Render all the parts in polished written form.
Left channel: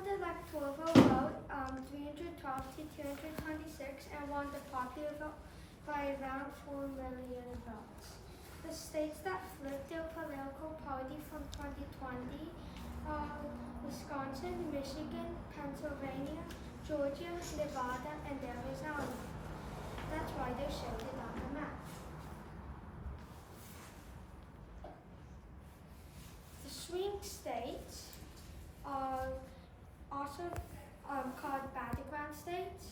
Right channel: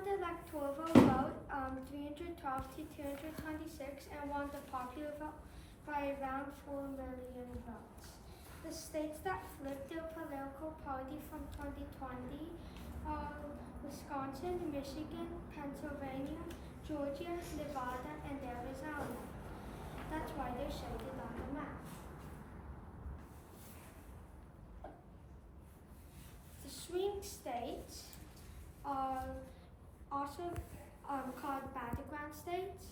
won the electoral vote 312 to 226 and won the popular vote by around 4 million votes. The states that flipped their political party from 2020 are Wisconsin, Michigan, Pennsylvania, Georgia, Nevada, and Arizona. That's why they're shaded on the map. The swing states are also called battleground states.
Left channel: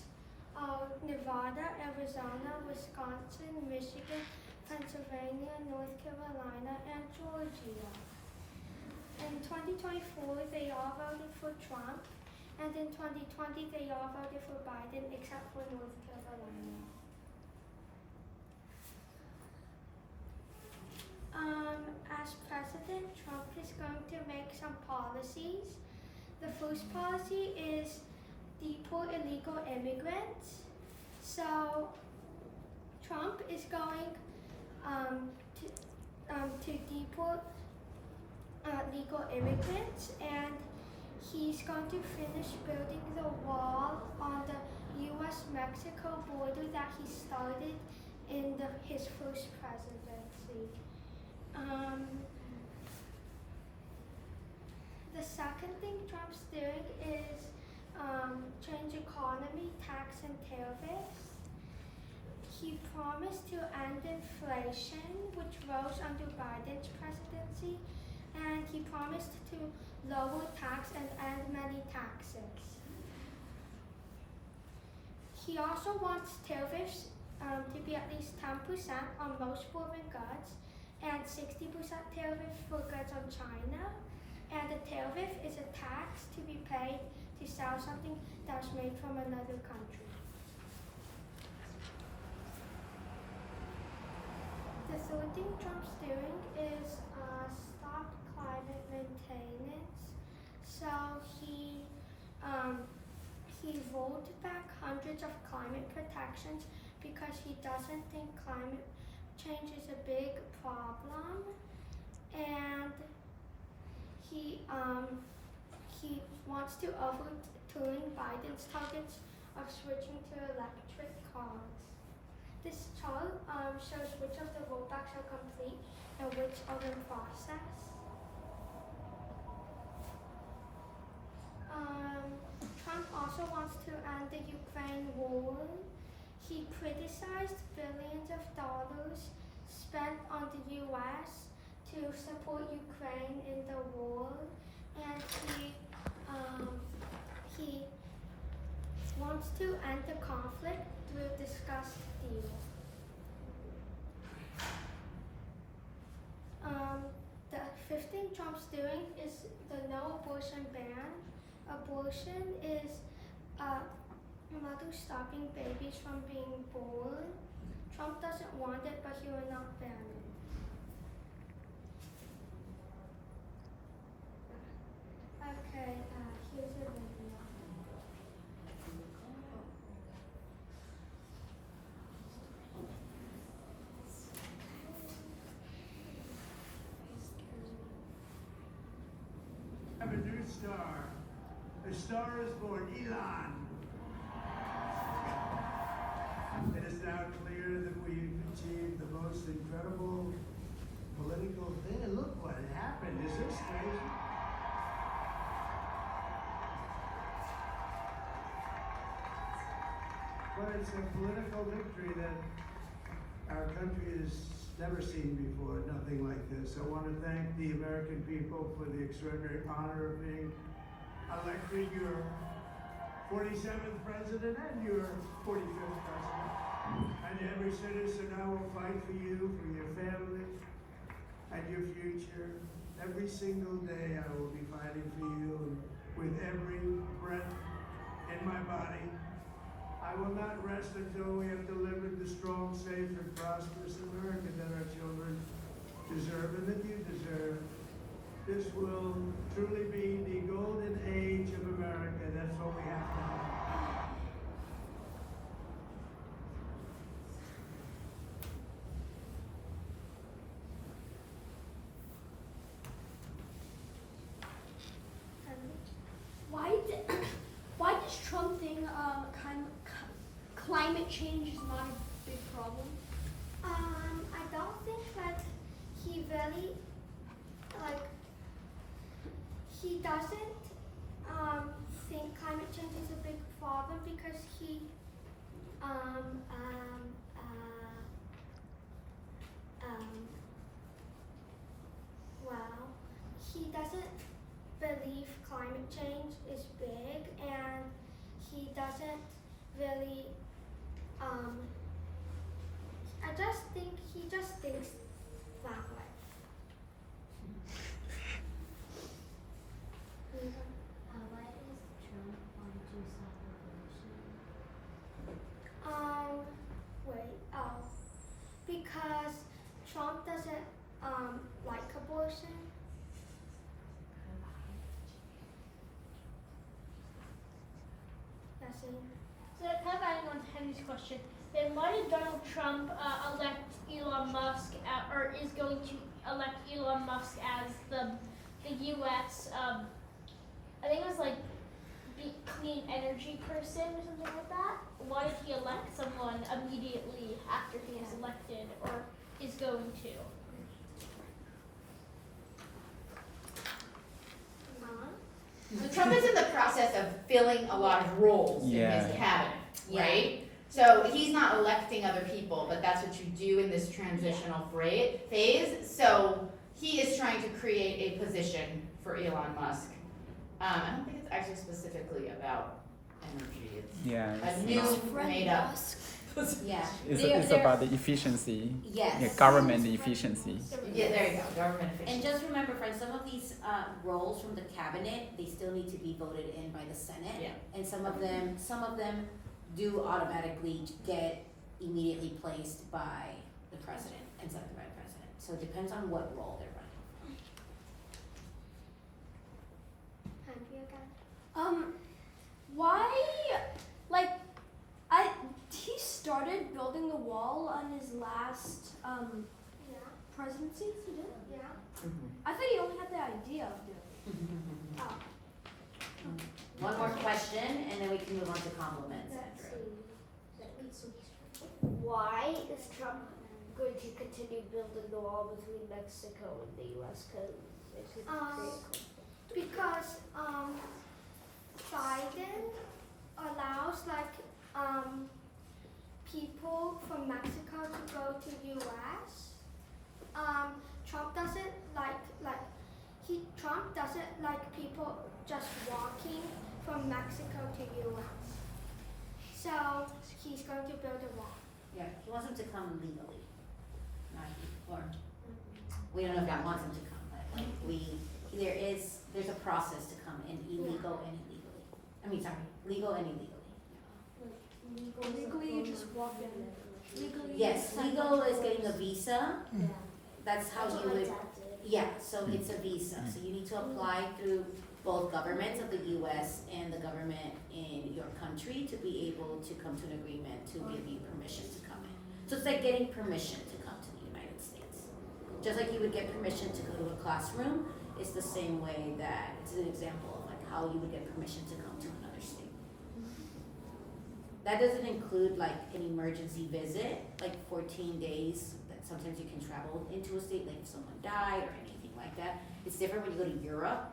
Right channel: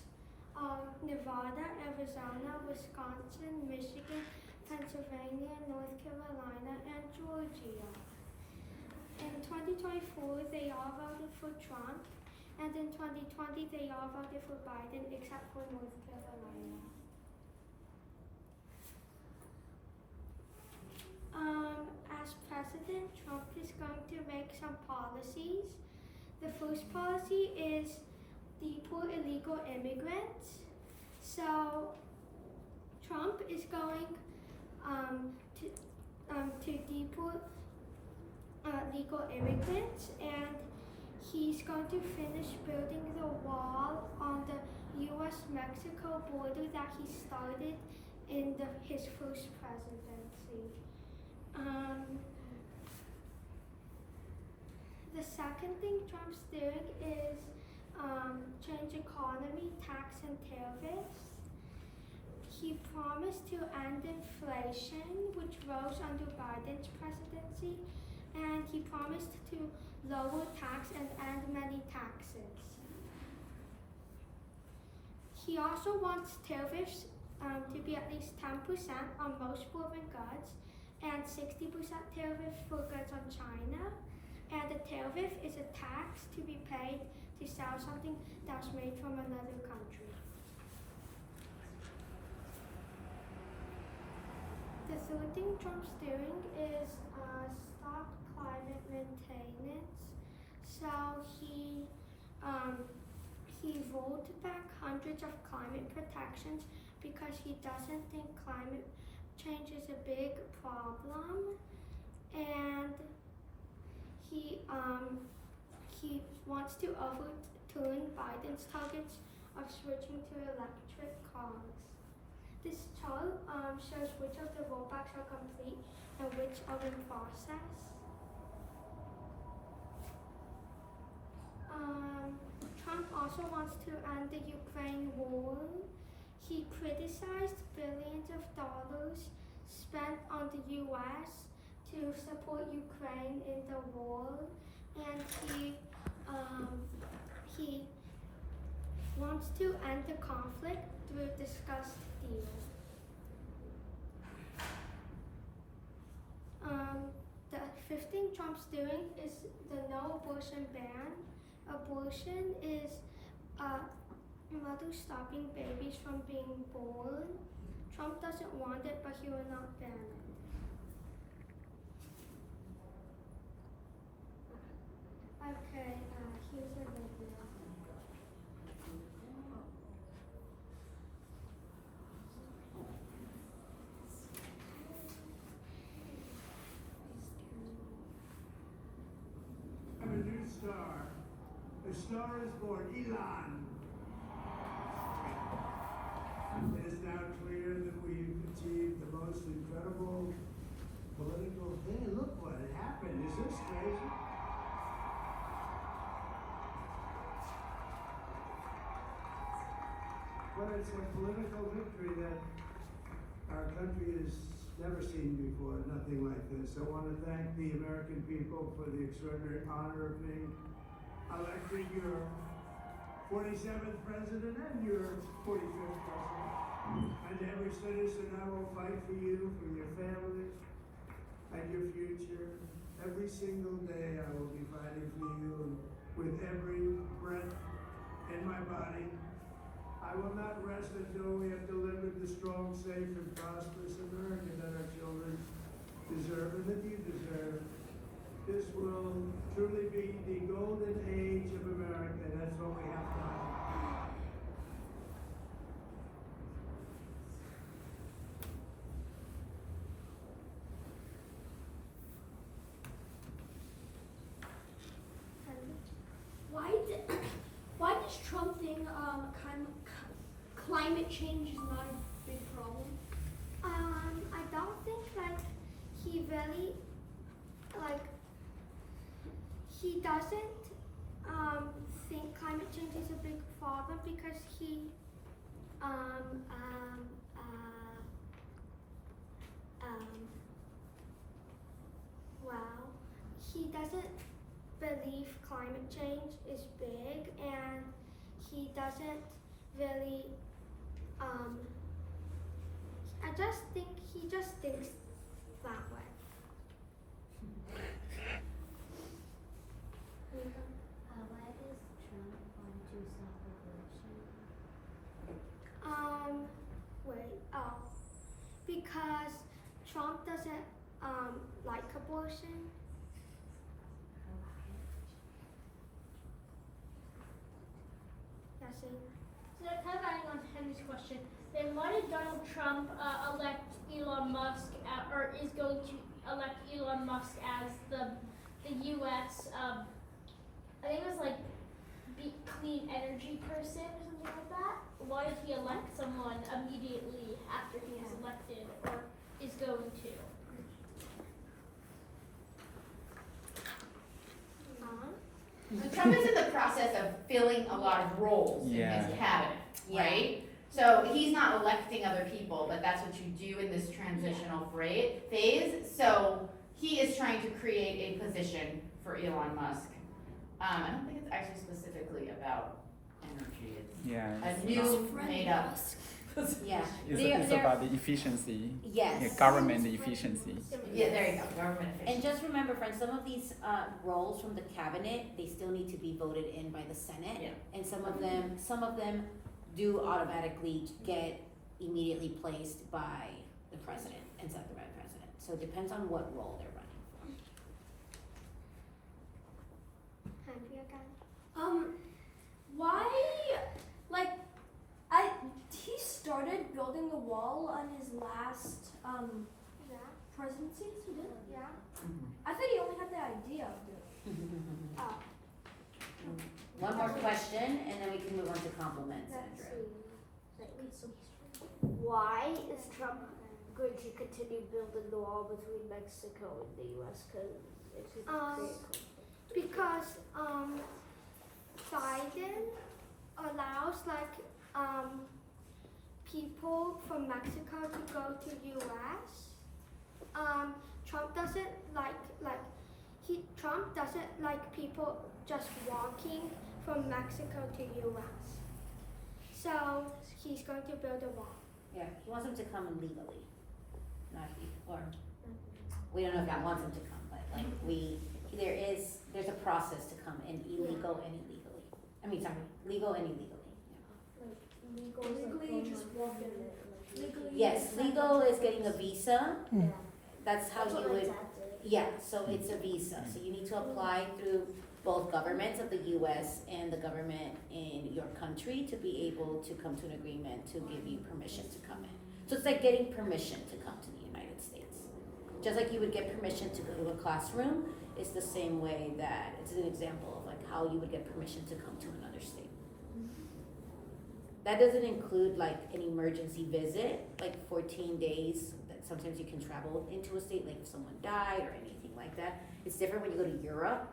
Nevada, Arizona, Wisconsin, Michigan, Pennsylvania, North Carolina, and Georgia. In 2024, they all voted for Trump, and in 2020, they all voted for Biden except for North Carolina. As president, Trump is going to make some policies. The first policy is deport illegal immigrants. So Trump is going to deport legal immigrants, and he's going to finish building the wall on the U.S.-Mexico border that he started in his first presidency. The second thing Trump's doing is change economy, tax, and tariffs. He promised to end inflation, which rose under Biden's presidency, and he promised to lower tax and end many taxes. He also wants tariffs to be at least 10% on most foreign goods and 60% tariff for goods on China. And a tariff is a tax to be paid to sell something that's made from another country. The third thing Trump's doing is stop climate maintenance. So he rolled back hundreds of climate protections because he doesn't think climate change is a big problem, and he wants to overturn Biden's targets of switching to electric cars. This chart shows which of the rollbacks are complete and which are in process. Trump also wants to end the Ukraine war. He criticized billions of dollars spent on the U.S. to support Ukraine in the war, and he wants to end the conflict through a discussed deal. The fifth thing Trump's doing is the no abortion ban. Abortion is mothers stopping babies from being born. Trump doesn't want it, but he will not ban it. Okay, here's a video. I have a new star. A star is born, Elon. It is now clear that we've achieved the most incredible political thing. And look what happened. Is this crazy? But it's a political victory that our country has never seen before, nothing like this. I want to thank the American people for the extraordinary honor of being elected your 47th president and your 45th president. And every citizen, I will fight for you, for your family, and your future. Every single day I will be fighting for you, and with every breath in my body. I will not rest until we have delivered the strong, safe, and prosperous America that our children deserve and that you deserve. This will truly be the golden age of America. That's what we have to have. Why did climate change is not a big problem? I don't think like he really like he doesn't think climate change is a big problem because he well, he doesn't believe climate change is big, and he doesn't really I just think he just thinks that way. Why is Trump want to stop abortion? Because Trump doesn't like abortion. That's it. So kind of adding on to Henry's question, then why did Donald Trump elect Elon Musk, or is going to elect Elon Musk as the U.S. I think it was like clean energy person or something like that? Why did he elect someone immediately after he was elected, or is going to? So Trump is in the process of filling a lot of roles in his cabinet, right? So he's not electing other people, but that's what you do in this transitional phase. So he is trying to create a position for Elon Musk. I don't think it's actually specifically about energy. It's a new made up. Yeah. It's about the efficiency. Yes. Yeah, government efficiency. Yeah, there you go, government And efficiency. just remember, friends, some of these roles from the cabinet, they still need to be voted in by the Senate. Yeah. And some of them do automatically get immediately placed by the president and signed by the president. So it depends on what role they're running. Henry again. Why, he started building the wall on his last, Yeah. presidency, he did? Yeah. I thought he only had the idea of doing it. Oh. One more question, and then we can move on to compliments, Let's Andrew. see. Why is Trump going to continue building the wall between Mexico and the U.S.? Because it could create a conflict. Because Biden allows people from Mexico to go to U.S. Trump doesn't Trump doesn't like people just walking from Mexico to U.S. So he's going to build a wall. Yeah, he wants them to come legally, or we don't know if he wants them to come, but there's a process to come in illegal and illegally. I mean, sorry, legal and illegally. Legally, you just walk in. Legally. Yes, legal is getting a visa. Yeah. That's how That's what you my would. dad did. Yeah, so it's a visa. So you need to apply through both governments of the U.S. and the government in your country to be able to come to an agreement to give you permission to come in. So it's like getting permission to come to the United States. Just like you would get permission to go to a classroom, it's the same way that it's an example of like how you would get permission to come to another state. That doesn't include like an emergency visit, like 14 days that sometimes you can travel into a state, like if someone died or anything like that. It's different when you go to Europe.